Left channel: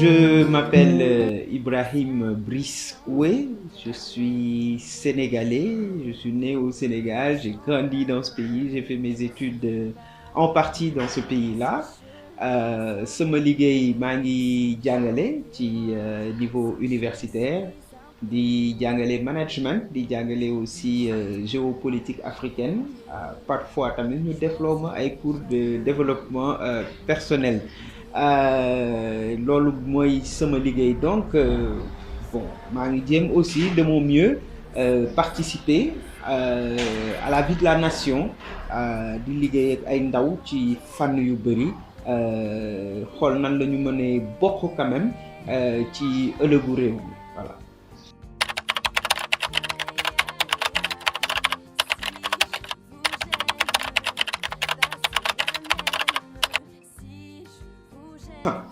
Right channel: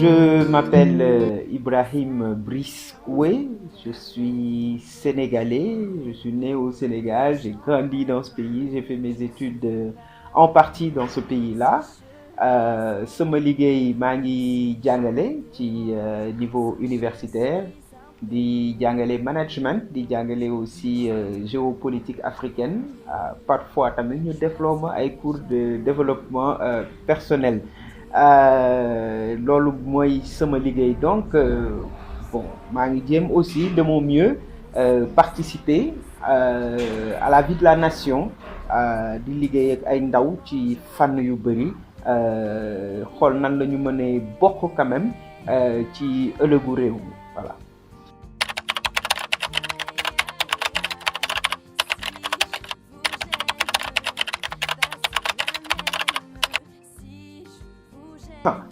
Je m'appelle Ibrahim Brice Oué, je suis sénégalais, je suis né au Sénégal, j'ai grandi dans ce pays, j'ai fait mes études en partie dans ce pays-là. Sama liggéey maa ngi jàngale ci niveau universitaire di jàngale management di jàngale aussi géopolitique africaine parfois tamit ñu defloo ma ay cours de développement personnel. Loolu mooy sama liggéey donc bon maa ngi jéem aussi de mon mieux participer à la vie de la nation di liggéey ak ay ndaw ci fànn yu bëri xool nan la ñu mënee bokk quand même ci ëllëgu réew mi voilà.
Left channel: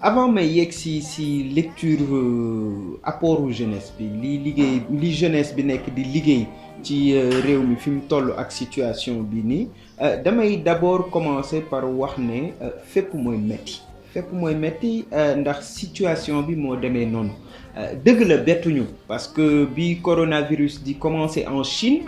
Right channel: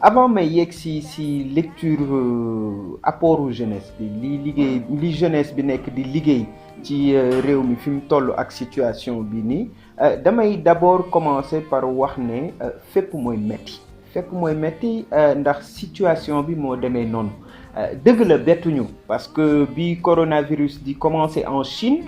Avant may yegg si lecture apportu jeunesse bi li jeunesse bi nekk di liggéey ci réew mi fi mu toll ak situation bi nii damay d'abord commencer par wax ne fépp mooy metti ndax situation bi moo demee noonu dëgg la bettuñu parce que bi coronavirus di commencer en Chine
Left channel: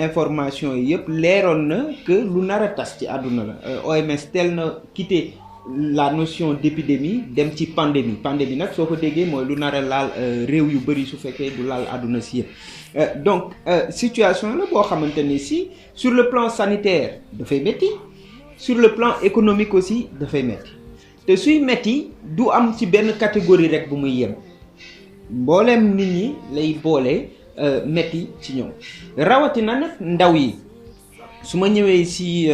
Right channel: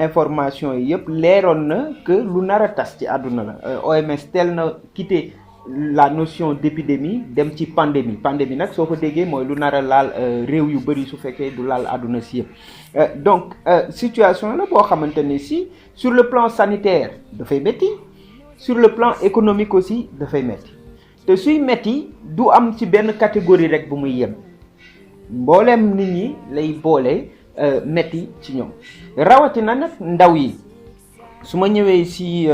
information yi yëpp leeroon na que lu nar a tas ci àdduna la OMS teel na quitté la notion d'épidémie dem ci pandémie nag soo ko déggee mooy lu nar a laal réew yu bëri su fekkee du laal àdduna si yëpp donc situation la boo xamante ne si sur le plan sanitaire dafay métti sur le plan économique aussi dafay métti te suy métti du am ci benn catégorie rek bu muy yem mbooleem nit ñi lay boole métti ci ñoom rawatina nag ndaw yi su ma ñëwee si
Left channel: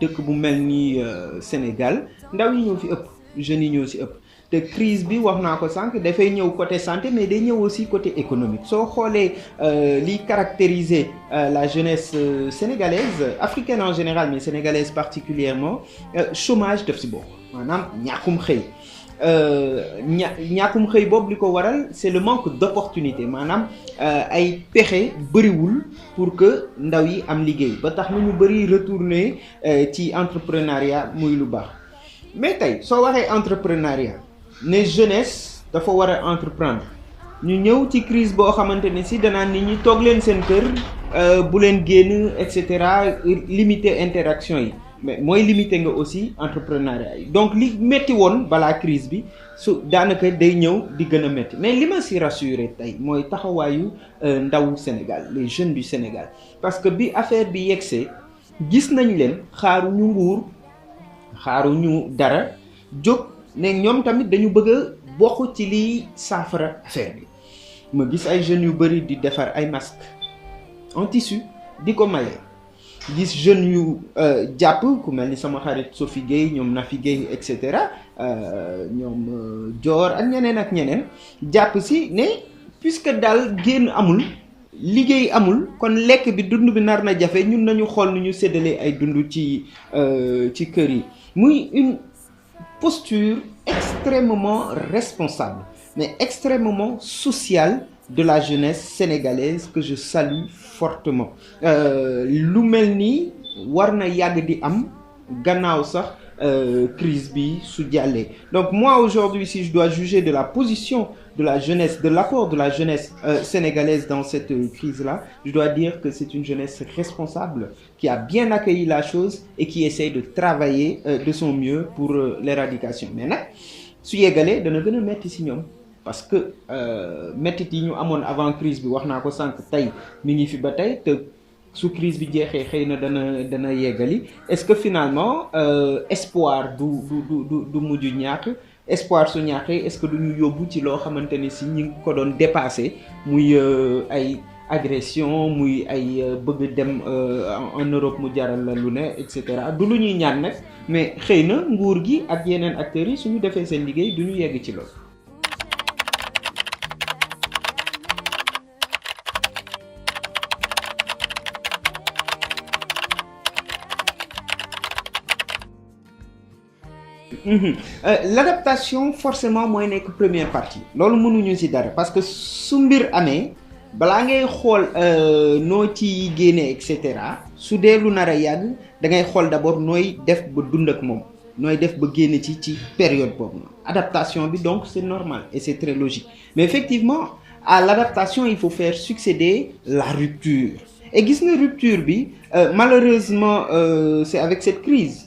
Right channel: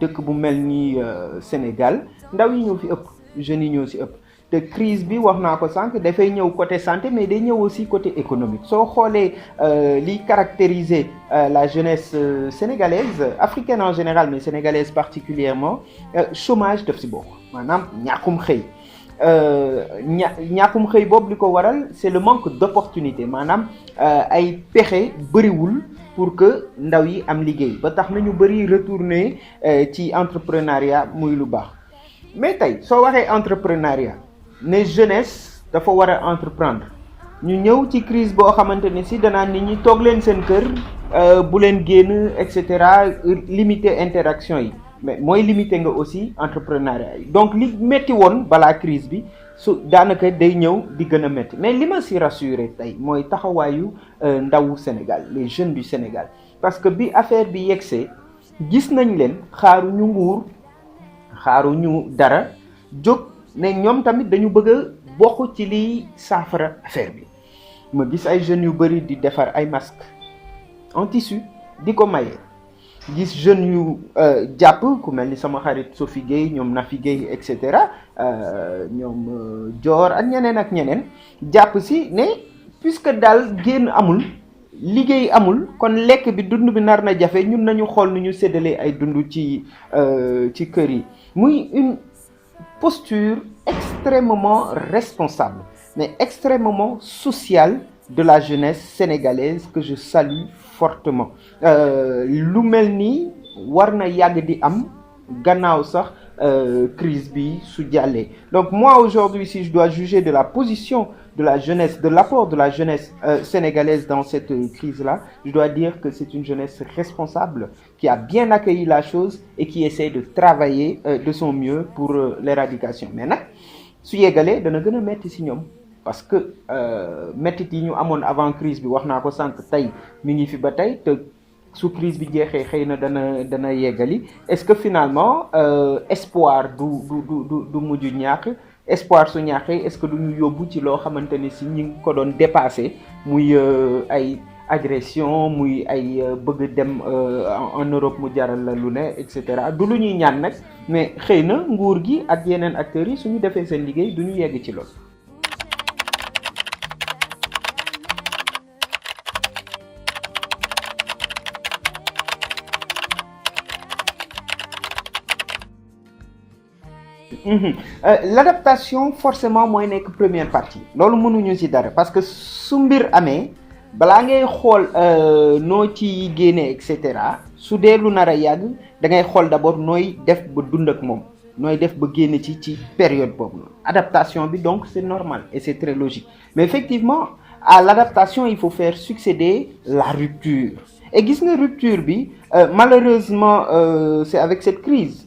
dëkk bu mel ni Sénégal ndaw yi ñoo fi ëpp jeunes yi ñoo si ëpp te crise bi wax naa ko sànq dafay ñëw côté santé mais day ñëw aussi côté économique soo xoolee liy caractériser la jeunesse sénégalaise africaine en général mais sénégalaise particulièrement chômage def si bokk maanaam ñàkkum xëy ñàkkum xëy boobu li ko waral c'est le manque d'opportunité maanaam ay pexe bëriwul pour que ndaw yi am liggéey ba tax na ñu bëri retourner ci entrepreneuriat muy lu baax mais tey soo waxee entrepreneuriat ne jeunesse dafa war a entreprendre ñu ñëw ci crise boo xamante ne si danaan nit ñi toog leen seen kër bu leen génn et cetera limiter interaction yi mais mooy limiter nga aussi entrepreneuriat yi donc li métti woon balaa crise bi su daanaka day ñëw di gën a métti mais li ma si rassuré tey mooy taxawaayu ndawu Sénégal les jeunes du Sénégal parce que bi affaire bi yegsee gis nañ leen xaaruñu nguur xaaruñu dara jóg ne ñoom tamit dañu bëgg a bokk ci liy saafara affaire bi ma gis ay jeunes yu bëri di defar ay masques en tissu di ko maye gis jeunes yu jàpp ku mel ni sama xarit Sophie Gueye ñoom Nafi Gueye et cetera ñoom Dior ak ñeneen jàpp si ne puisque daal génn amul liggéey amul kon lekk bi dund bi nar na jafe ñun nañu xool nu ñu séddalee ay dund ci kër yi muy une posture extrêmement responsable mais extrêmement sociale de la jeunesse sénégalaise que je salue fortement lu mel nii war na yàgg di am gannaaw sax crise bi su jàllee donc moi aujourd'hui si je dois juger de la position de la jeunesse de l'apport de la jeunesse sénégalaise dans cette crise-là je dois dire que c'est une jeunesse responsable qui a bien accueilli la chose et qui essaie de travailler de son mieux pour l'éradication mais nag su yeggalee dana gën a metti ci ñoom parce que métit yi ñu amoon avant crise bi wax naa ko sànq tey mi ngi fi ba tey te su crise bi jeexee xëy na dana yeggali est-ce que finalement espoir du mujj ñàkk espoir su ñàkkee est-ce que du ñu yóbbu ci loo xamante ni si ñi ngi ko doon dépassé muy ay agression muy ay bëgg dem en Europe mu jaral la lu ne et cetera du lu ñuy ñaan nag mais xëy na nguur gi ak yeneen acteurs yi suñu defee seen liggéey du ñu yegg ci loolu. L'adaptation forcément mooy nekk première partie loolu mënuñu ci dara parce que su mbir amee balaa ngay xool noo ci génnee et cetera su dee lu nar a yàgg da ngay xool d'abord nooy def ba dund ak moom nooy def ba génn ci période boobu adaptation bi donc c'est normal et c'est très logique mais effectivement à l'adaptation il faut faire succéder la rupture et gis nga rupture bi malheureusement c'est avec cette crise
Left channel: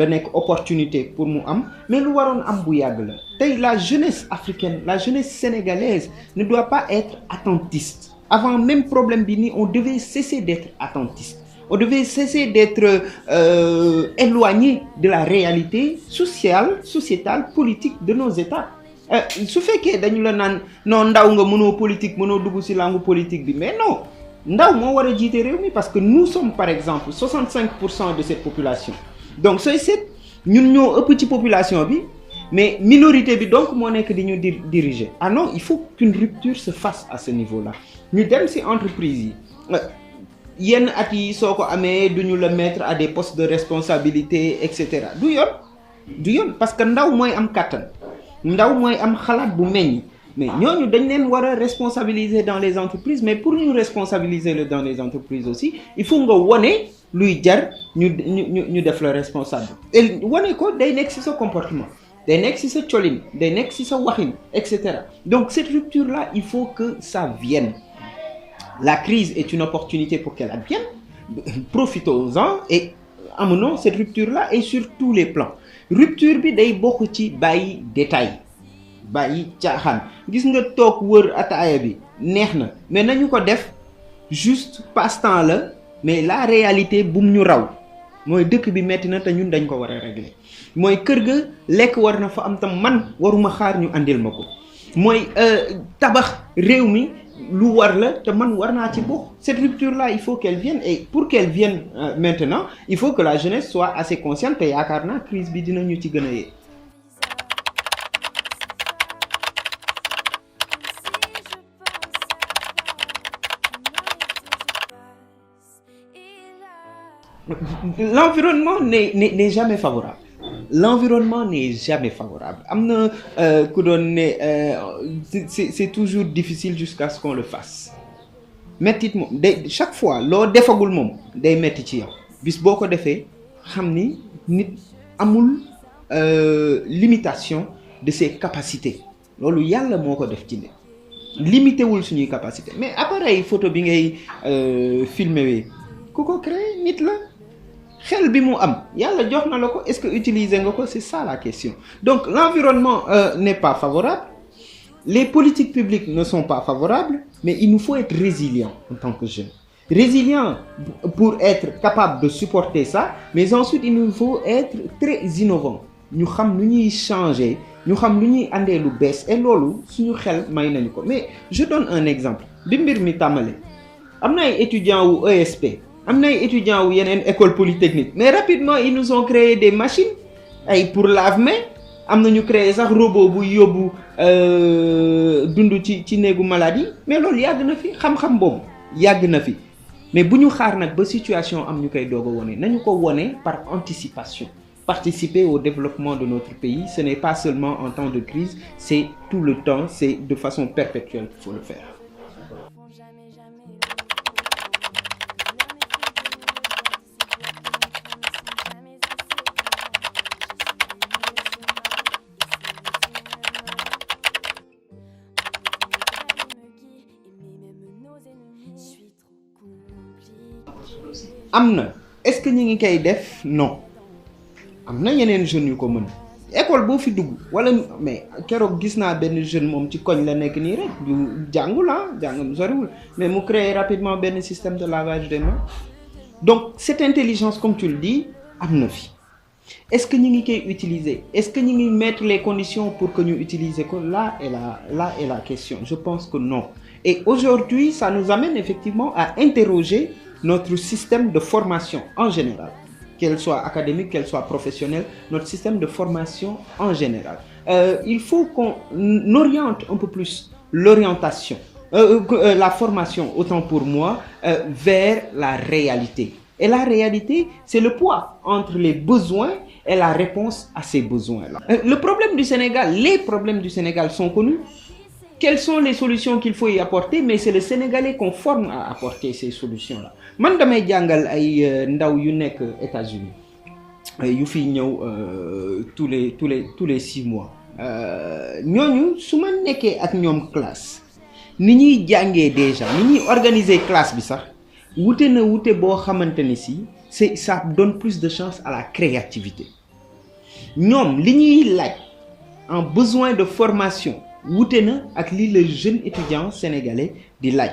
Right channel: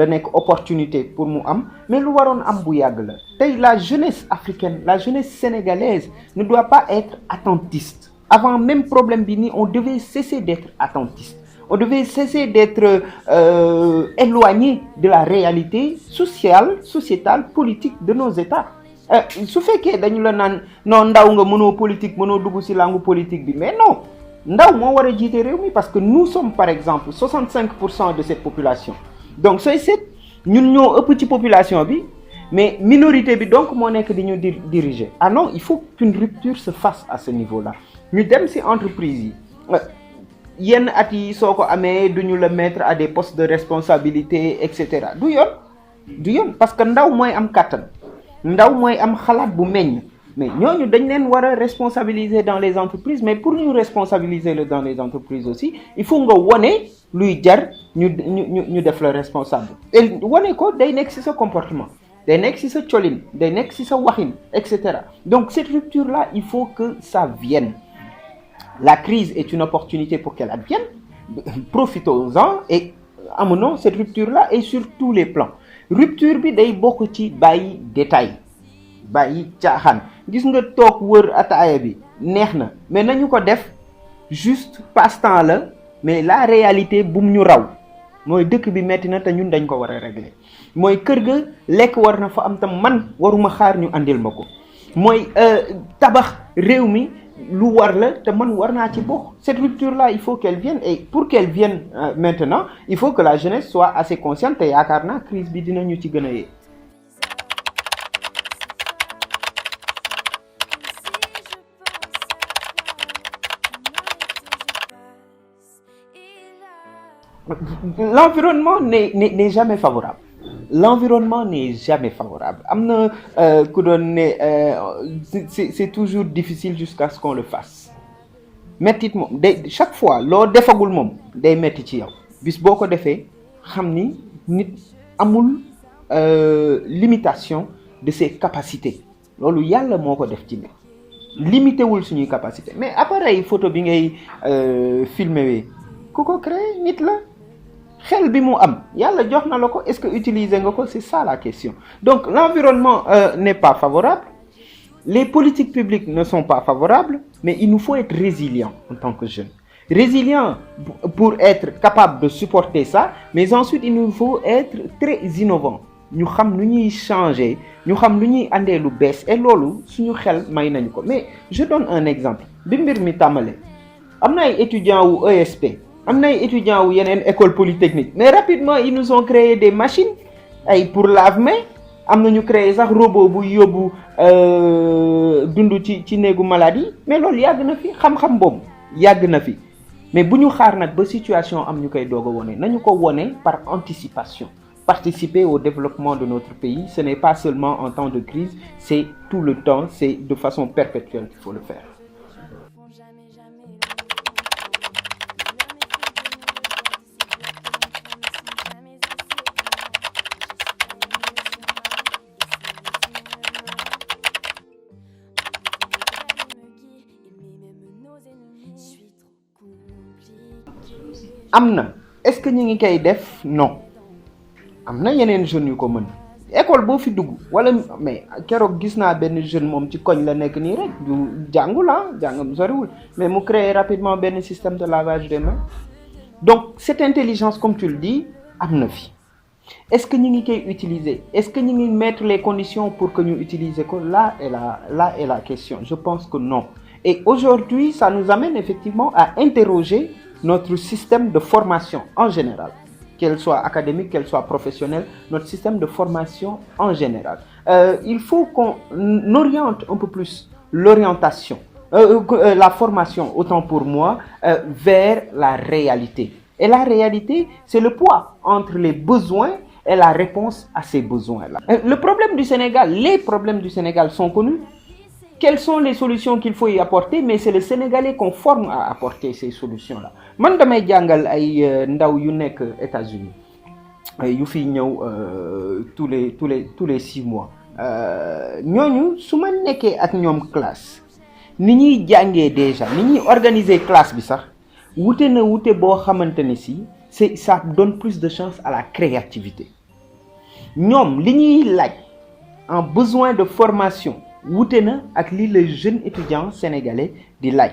la nekk opportunité pour mu am mais lu waroon am bu yàgg la tey la jeunesse africaine la jeunesse sénégalaise ne doit pas être attentiste avant même problème bi ni on devait cesser d'être attentiste on devait cesser d'être éloigné de la réalité sociale sociétale politique de nos États su fekkee dañu la naan non ndaw nga mënoo politique mënoo dugg ci langue politique bi mais non ndaw moo war a jiite réew mi parce que nous sommes par exemple 65% de cette population donc sooy seet ñun ñoo ëpp ci population bi mais minorité bi donc moo nekk di ñu diriger ah non il faut qu'une rupture se fasse à ce niveau-là ñu dem ci entreprise yi yenn at yi soo ko amee duñu la mettre à des postes de responsabilité et cetera du yoon parce que ndaw mooy am kàttan ndaw mooy am xalaat bu meññ mais ñooñu dañ leen war a responsabiliser dans les entreprises mais pour ñu responsabiliser dans les entreprises aussi il faut nga wone luy jar ñu def la responsable et wone ko day nekk ci sa comportement day nekk ci sa colin day nekk ci sa waxin et cetera donc cette rupture là il faut que ça vienne la crise est une opportunité pour qu'elle advienne profitons-en et amenons cette rupture là et sur tous les plans rupture bi day bokk ci bàyyi détail bàyyi caaxaan gis nga toog wër ataaya bi neex na mais nañu ko def juste passe-temps la mais la réalité bum ñu raw mooy dëkk bi metti na te ñun dañ ko war a régler mooy kër ga lekk war na fa am tam man waruma xaar ñu andil ma ko mooy tabax réew mi lu war la te man war naa ci bokk cette rupture là il faut qu'elle vienne et pour qu'elle vienne maintenant il faut que la jeunesse soit assez consciente te yaakaar naa crise bi dinañu ci gën a yee l'environnement n'est jamais favorable l'environnement n'est jamais favorable am na ku doon ne c'est toujours difficile jusqu'à ce qu'on le fasse mettit moom day chaque fois loo defagul moom day metti ci yow bis boo ko defee xam ni nit amul limitation de ses capacités loolu yàlla moo ko def ci nit limité wul suñuy capacité mais appareil photo bi ngay filmer wee ku ko créé nit la xel bi mu am yàlla jox na la ko est-ce que utiliser nga ko c'est ça la question donc l'environnement n'est pas favorable les politiques publiques ne sont pas favorables mais il nous faut être résilient en tant que jeunes résilient pour être capable de supporter ça mais ensuite il nous faut être très innovant ñu xam lu ñuy changer ñu xam lu ñuy andee lu bees et loolu suñu xel may nañu ko mais je donne un exemple bi mbir mi tàmbale am na ay étudiants wu ESP am na ay étudiants wu yeneen école polytechnique mais rapidement ils nous ont créé des machines ay pour lave-mains am na ñu créé sax robot bu yóbbu dund ci néegu maladie mais loolu yàgg na fi xam-xam boobu yàgg na fi mais bu ñu xaar nag ba situation am ñu koy doog a wone nañu ko wone par anticipation participer au développement de notre pays ce n'est pas seulement en temps de crise c'est tout le temps c'est de façon perpétuelle qu'il faut le faire. am na est-ce que ñu ngi koy def non am na yeneen jeunes yu ko mën école boo fi dugg wala mais keroog gis naa benn jeune moom ci koñ la nekk nii rek du jàngul jàngam soriwul mais mu créer rapidement benn système de lavage des mains donc cette intelligence comme tu le dis am na fi est-ce que ñu ngi koy utiliser est-ce que ñu ngi mettre les conditions pour que ñu utiliser ko là est la question je pense que non et aujourd'hui ça nous amène effectivement à interroger notre système de formation en général qu'elle soit académique, qu'elle soit professionnelle, notre système de formation en général. Il faut qu'on oriente un peu plus l'orientation, la formation, autant pour moi, vers la réalité. Et la réalité, c'est le poids entre les besoins et la réponse à ces besoins-là. Le problème du Sénégal, les problèmes du Sénégal sont connus. Quelles sont les solutions qu'il faut y apporter? Mais c'est le Sénégalais qu'on forme à apporter ces solutions-là. Man damay jàngal ay ndaw yu nekk États-Unis yu fi ñëw tous les 6 mois ñooñu su ma nekkee ak ñoom classe ni ñuy jàngee déjà ni ñuy organiser classe bi sax wute boo xamante ni si ça donne plus de chance à la créativité ñoom li ñuy laaj en besoin de formation wute na ak li le jeune étudiant sénégalais di laaj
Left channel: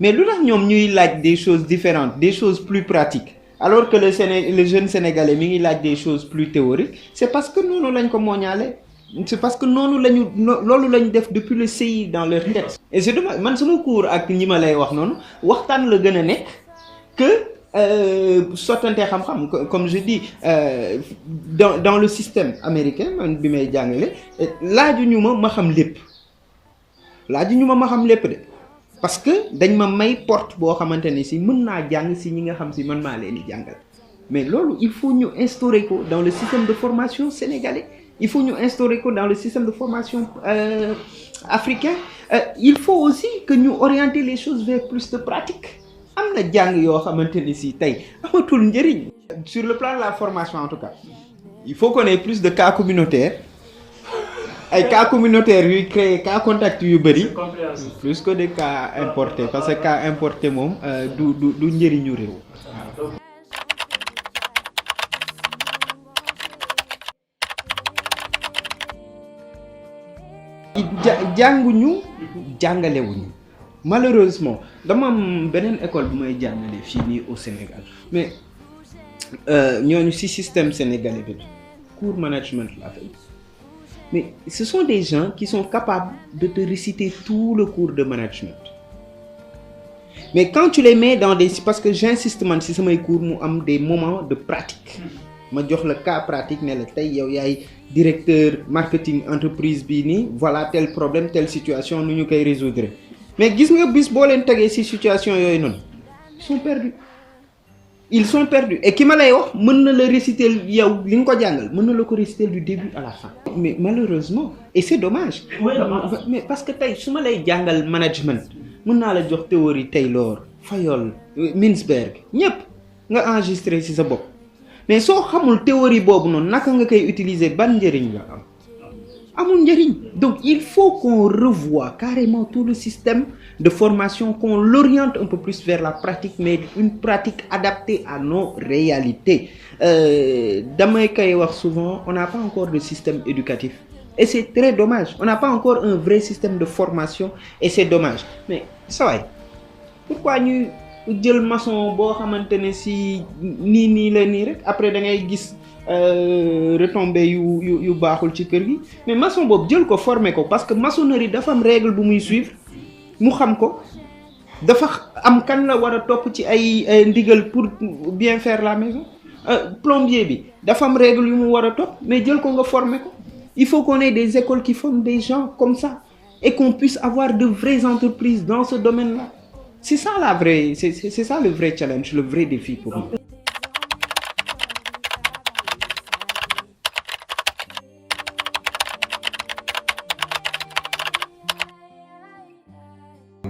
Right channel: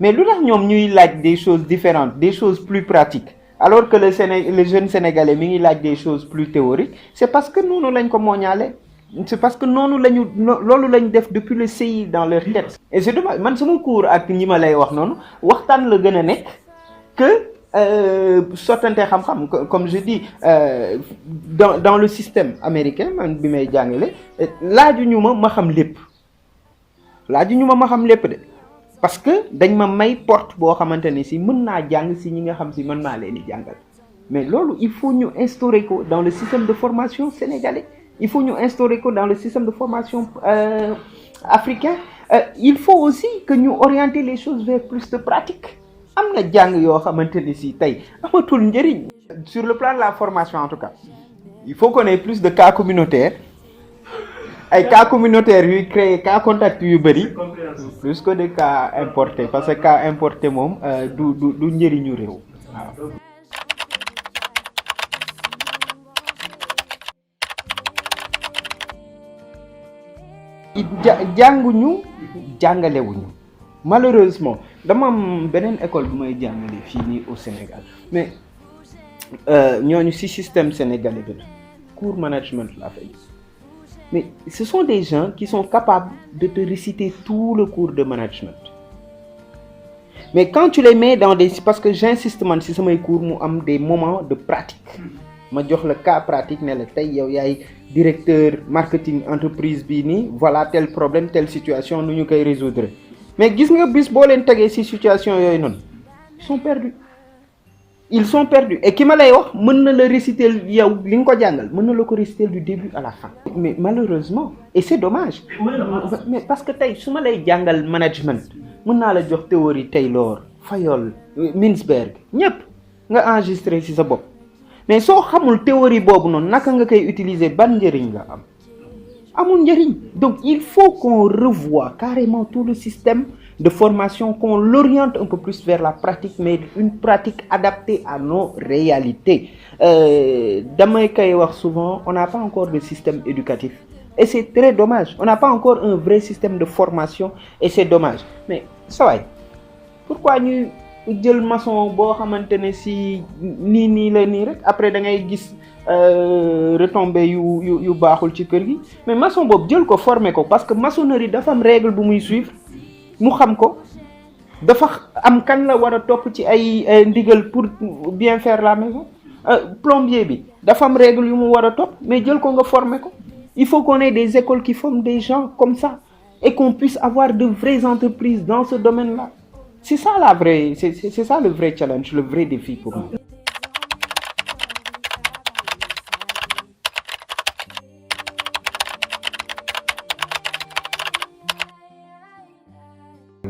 mais lu tax ñoom ñuy laaj des choses différentes des choses plus pratiques alors que le jeune sénégalais mi ngi laaj des choses plus théoriques c'est parce que noonu lañ ko mooñaale c'est parce que noonu loolu lañ def depuis le CI dans leur tête et c'est dommage man sama cours ak ñi ma lay wax noonu waxtaan la gën a nekk que sottante xam-xam comme je dis dans le système américain man bi may jàngale laajuñu ma xam lépp de parce que dañ ma may porte boo xamante ni si mën naa jàng si ñi nga xam si man maa leen di jàngal mais loolu il faut ñu instaurer ko dans le système de formation sénégalais il faut ñu instaurer ko dans le système de formation africain il faut aussi que ñu orienter les choses vers plus de pratique am na jàng yoo xamante ni si tey amatul njëriñ sur le plan de la formation en tout cas il faut qu'on ait plus de cas communautaires ay cas communautaires yuy créer cas contact yu bëri plus que de cas importés parce que cas importé moom du njëriñu réew. jànguñu jàngalewuñu malheureusement dama am beneen école bu may jàngale fii nii au Sénégal mais ñooñu ci système sénégalais bi cours management la fay mais ce sont des gens qui sont capables de te réciter tout le cours de management mais quand tu les mets dans des parce que j'insiste man ci samay cours mu am des moments de pratique ma jox la cas pratique ne la tey yow yaay directeur marketing entreprise bii nii voilà tel problème telle situation nu ñu koy résoudre mais gis nga bis boo leen tegee ci situation yooyu noonu ils sont perdus et ki ma lay wax mën na la réciter yow li nga ko jàngal mën na la ko réciter du début à la fin mais malheureusement et c'est dommage mais parce que tey su ma lay jàngal management mën naa la jox théorie Taylor Fayol Mintzberg ñépp nga enregistrer ci sa bopp mais soo xamul théorie boobu noonu naka nga koy utiliser ban njëriñ la am amul njëriñ donc il faut qu'on revoie carrément tout le système de formation, qu'on l'oriente un peu plus vers la pratique mais une pratique adaptée à nos réalités damay koy wax souvent on n'a pas encore de système éducatif et c'est très dommage on n'a pas encore un vrai système de formation et c'est dommage mais ça va pourquoi ñu jël maçon boo xamante ne si nii la nii rek après da ngay gis retombées yu baaxul ci kër gi mais maçon boobu jël ko former ko parce que maçonnerie dafa am règle bu muy suivre mu xam ko dafa am kan la war a topp ci ay ndigal pour bien faire la maison plombier bi dafa am règle yu mu war a topp mais jël ko nga former ko il faut qu'on ait des écoles qui forment des gens comme ça et qu'on puisse avoir de vraies entreprises dans ce domaine-là c'est ça c'est ça le vrai challenge le vrai défi pour moi.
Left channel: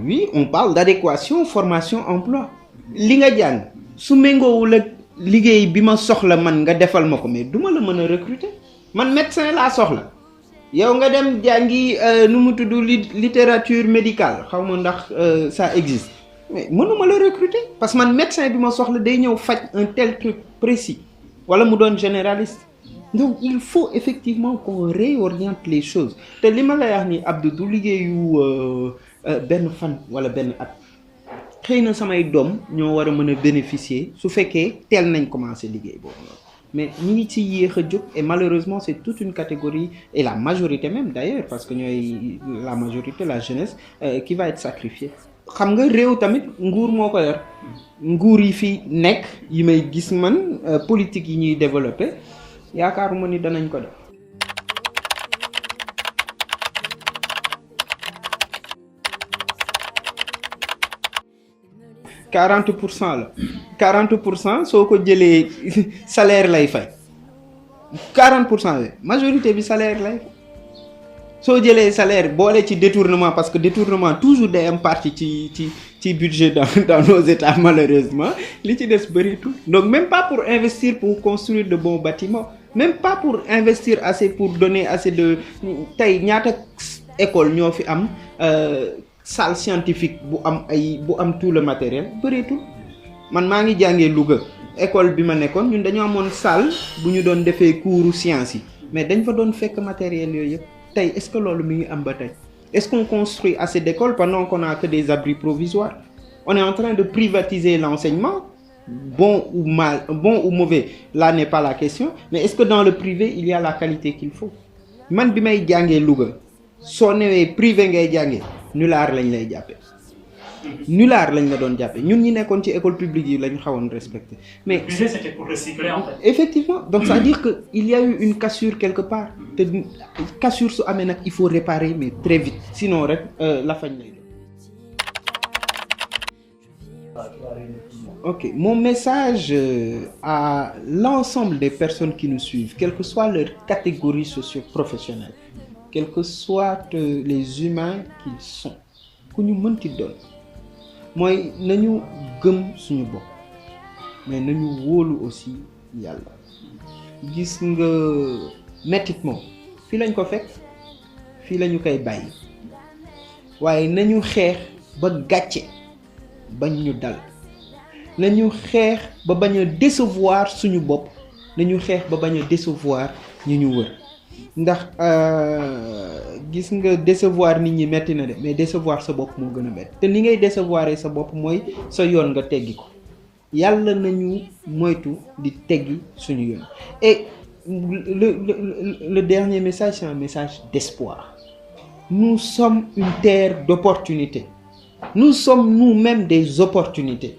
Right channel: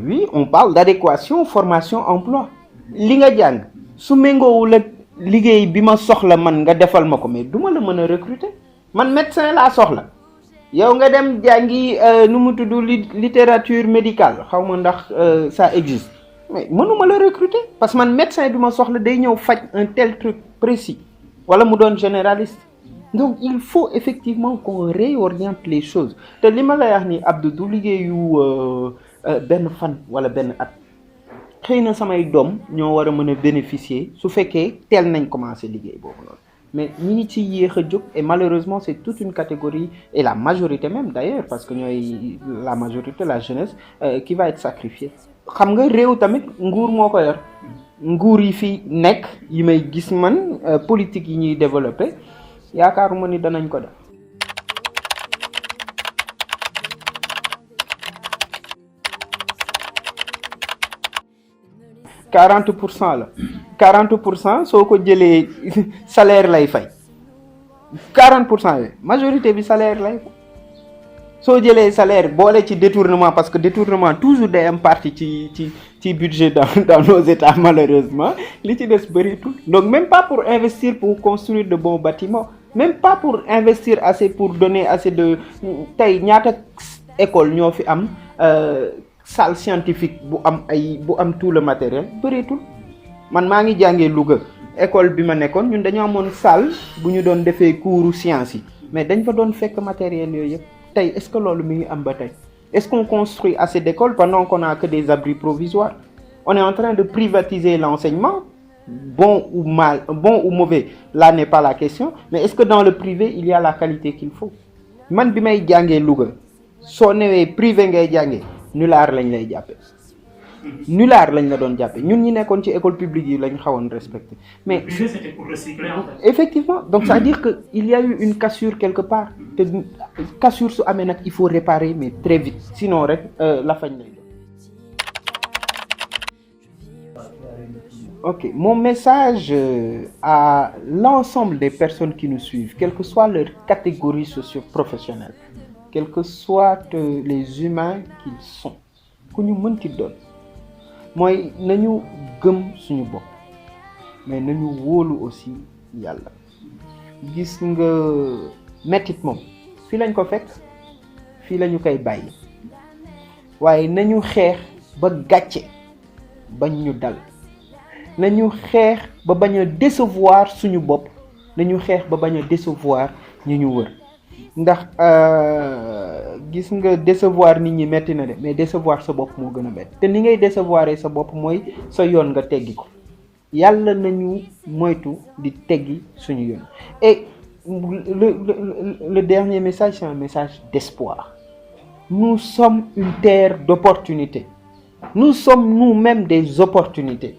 Oui, on parle d'adéquation formation emploi li nga jàng su méngoowul ak liggéey bi ma soxla man nga defal ma ko mais duma la mën a recruter man médecin laa soxla yow nga dem jàngi nu mu tudd littérature médicale xaw ma ndax ça existe mais mënuma la recruter parce que man médecin bi ma soxla day ñëw faj un tel truc précis wala mu doon généraliste donc il faut effectivement qu'on réoriente les choses te li ma lay wax ni Abdou du liggéeyu benn fan wala benn at xëy na samay doom ñoo war a mën a bénéficier su fekkee teel nañ commencer liggéey boobu noonu mais ñi ngi ci yéex a jóg et malheureusement c'est toute une catégorie et la majorité même d'ailleurs parce que ñooy la majorité la jeunesse qui va être sacrifiée xam nga réew tamit nguur moo ko yor nguur yi fi nekk yi may gis man politique yi ñuy développer yaakaaruma ni danañ ko def. la 40% soo ko jëlee salaire lay fay 40% yooyu majorité bi salaire lay fay soo jëlee salaire boole ci détournement parce que détournement toujours day am partie ci budget dans nos états malheureusement li ci des bëreetul donc même pas pour investir pour construire de bons bâtiments même pas pour investir assez pour donner assez de tey ñaata école ñoo fi am salle scientifique bu am tout le matériel bëreetul man maa ngi jàngee Louga école bi ma nekkoon ñun dañoo amoon salle bu ñu doon defee cours sciences yi mais dañ fa doon fekk matériel yooyu yëpp tey est-ce que loolu mi ngi am ba tey est-ce qu'on construit assez d'écoles pendant qu'on a que des abris provisoires on est en train de privatiser l'enseignement bon ou mauvais là n'est pas la question mais est-ce que dans le privé il y a la qualité qu'il faut man bi may jàngee Louga soo newee privé ngay jàngee nulaar lañ lay jàppe nulaar lañ la doon jàppe ñun ñi nekkoon ci école publique yi lañ xawoon respecté mais le privé c'était pour recycler en fait. Effectivement donc ça veut dire que il y a eu une cassure quelque part te cassure su amee nag il faut réparer mais très vite sinon rek la fañ lay Ok, mon message à l'ensemble des personnes qui nous suivent, quelle que soit leur catégorie socio-professionnelle, quels que soient les humains qu'ils sont, ku ñu mënti doon mooy nañu gëm suñu bopp mais nañu wóolu aussi yàlla gis nga mettit moom fii lañ ko fekk fii lañu koy bàyyi waaye nañu xeex ba gàcce bañ ñu dal nañu xeex ba bañ a décevoir suñu bopp nañu xeex ba bañ a décevoir ñu ñu wër ndax gis nga décevoir nit ñi metti na de mais décevoir sa bopp moo gën a metti te ni ngay décevoir sa bopp mooy sa yoon nga teggi ko yàlla nañu moytu di teggi suñu yoon et le dernier message c'est un message d'espoir. Nous sommes une terre d'opportunités. Nous sommes nous-mêmes des opportunités.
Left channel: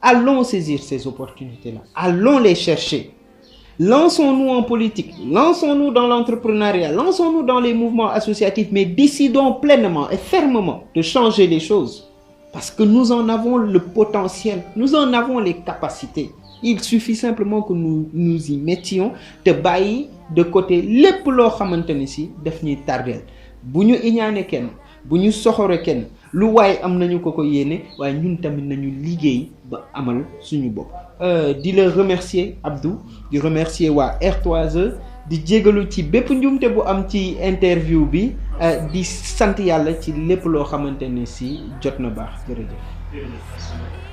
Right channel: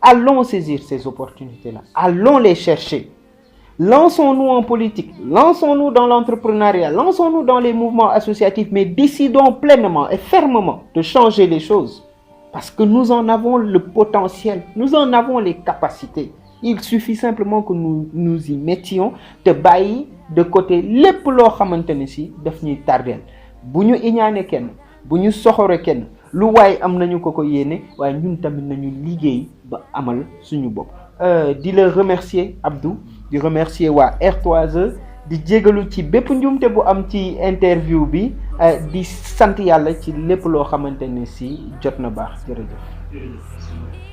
Allons saisir ces opportunités-là. Allons les chercher. Lançons-nous en politique, lançons-nous dans l'entrepreneuriat, lançons-nous dans les mouvements associatifs, mais décidons pleinement et fermement de changer les choses. Parce que nous en avons le potentiel, nous en avons les capacités. Il suffit simplement que nous y mettions te bàyyi de côté lépp loo xamante ne si daf ñuy tardeel bu ñu iñaane kenn bu ñu soxore kenn lu waaye am nañu ko yéene waaye ñun tamit nañu liggéey ba amal suñu bopp. Di la remercier Abdou di remercier waa R3E di jégalu ci bépp njuumte bu am ci interview bi di sant yàlla ci lépp loo xamante ne si jot na baax jërëjëf.